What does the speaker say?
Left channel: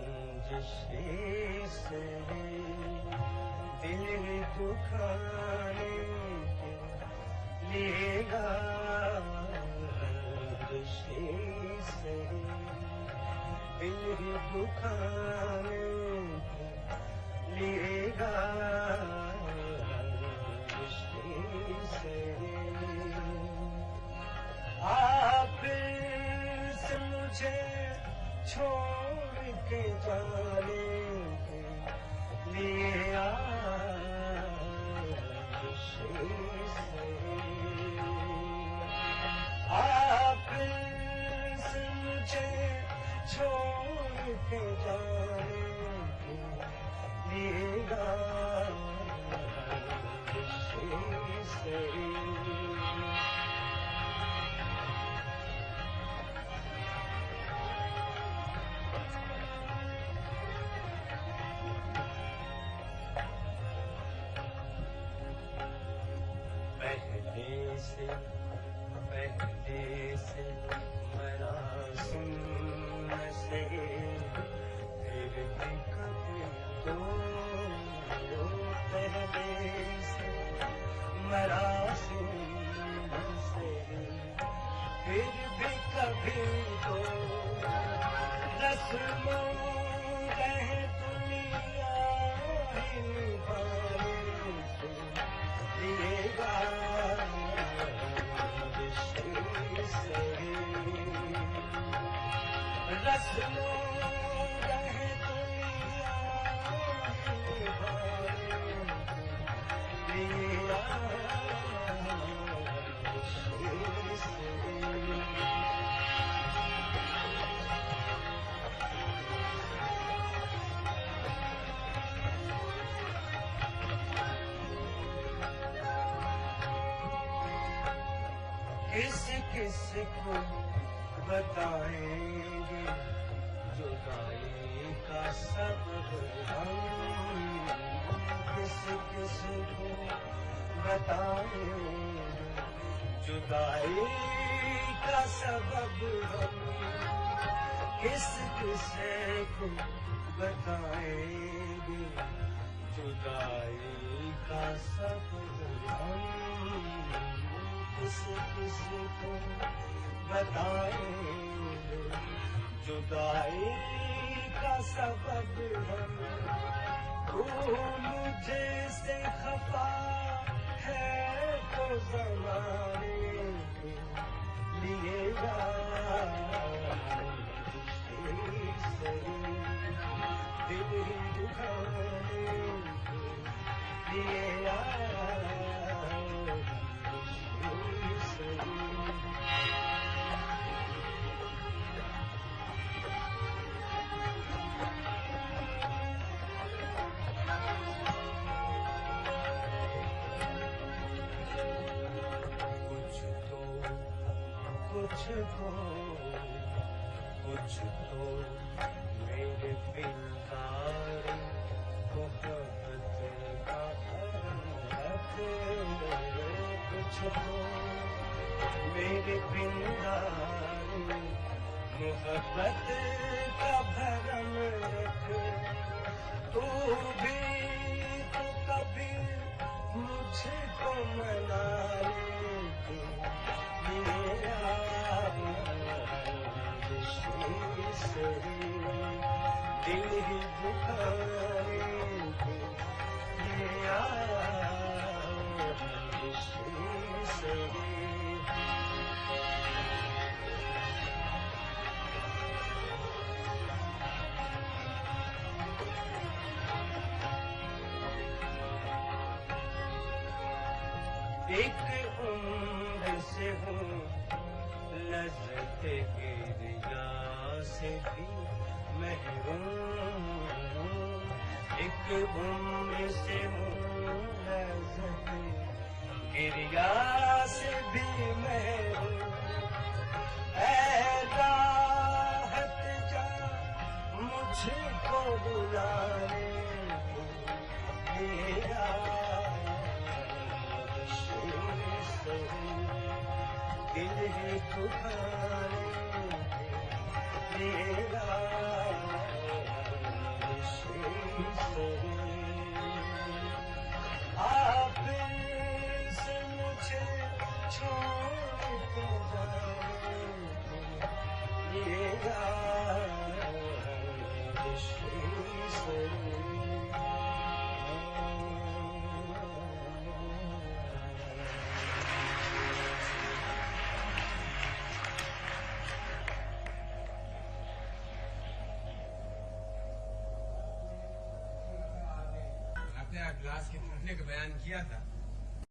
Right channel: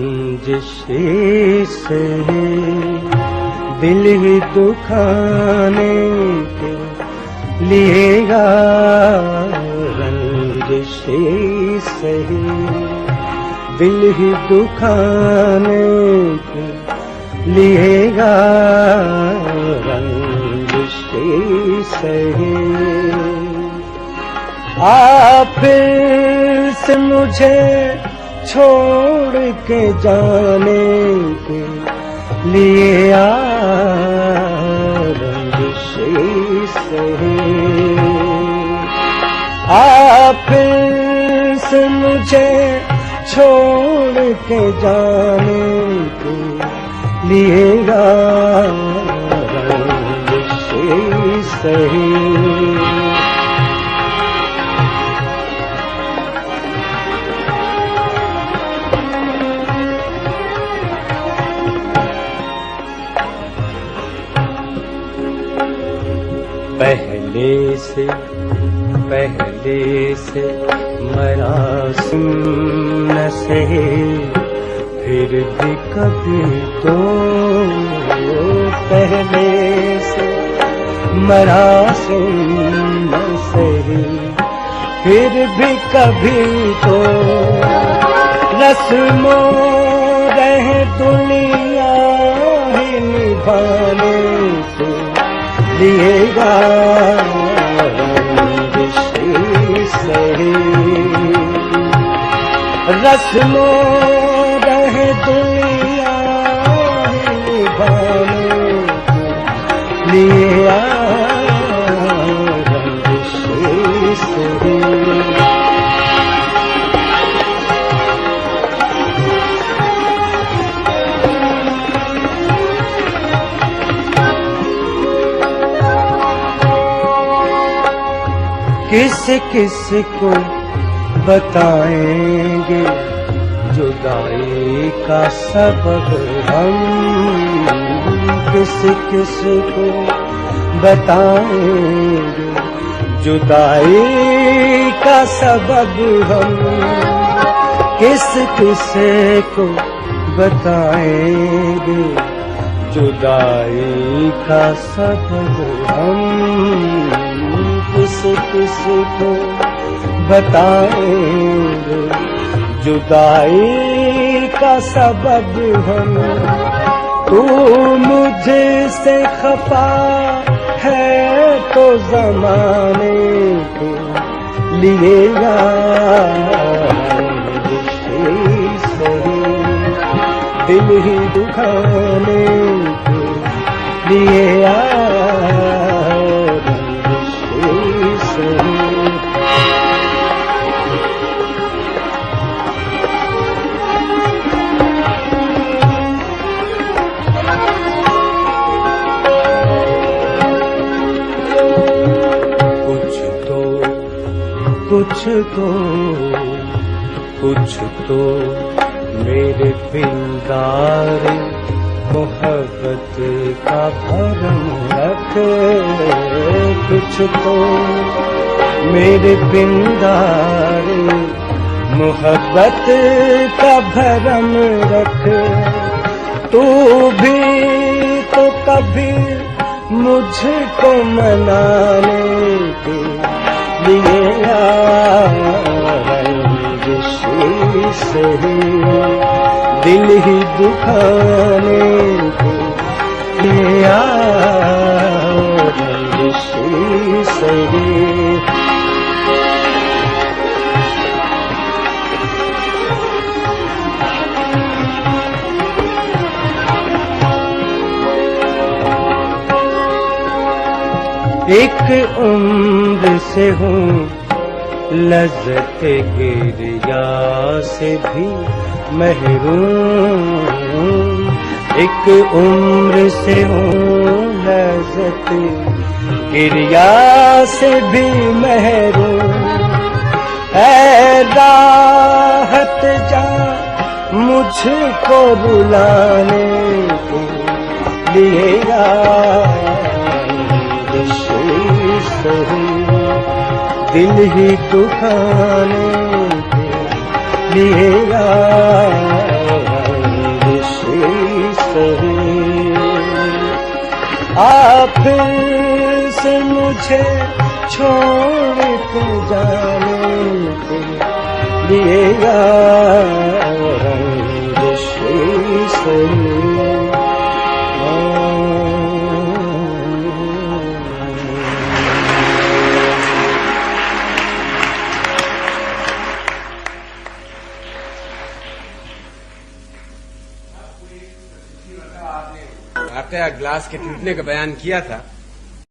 रंजिशी से दिल ही दुखाने के लिए रंजिशी से दिल ही दुखाने के लिए रंजिशी से आप फिर से मुझे छोड़ के जाने के लिए रंजिशी से आप फिर से मुझे छोड़ के जाने के लिए रंजिशी से पहले से मरासिम न सहे फिर भी कभी तो पहले से मरासिम न सहे फिर भी कभी तो रस्मों रहे दुनिया ही निभाने से लिएगा रस्मों रहे दुनिया निभाने लिए रंजिशी से किस किस को बताएंगे जुदाई का सबब हम किस किस को बताएंगे जुदाई का सबब हम किस किस को बताएंगे जुदाई का सबब हम किस किस को बताएंगे जुदाई का सबब हम तू मुझसे खफा है तो ज़माने के लिए रंजिशी से दिल ही दुखाने के लिए रंजिशी से कुछ तो मेरे पिंगार मोहब्बत का भरम रख कुछ तो मेरे पिंगार मोहब्बत का भरम रख तू भी तो कभी मुझको मनाने के लिए रंजिशी से दिल ही दुखाने के लिए रंजिशी से एक उम्र से हूँ लज़्ज़त गिरिया से भी महरूम एक उम्र से हूँ लज़्ज़त गिरिया से भी महरूम ऐ राहत जा मुझको रुलाने के लिए सही दिल ही दुखाने के लिए सही आप से मुझे छोड़ के जाने के लिए सही आपका ग्लास के टूटने का बयान किया था,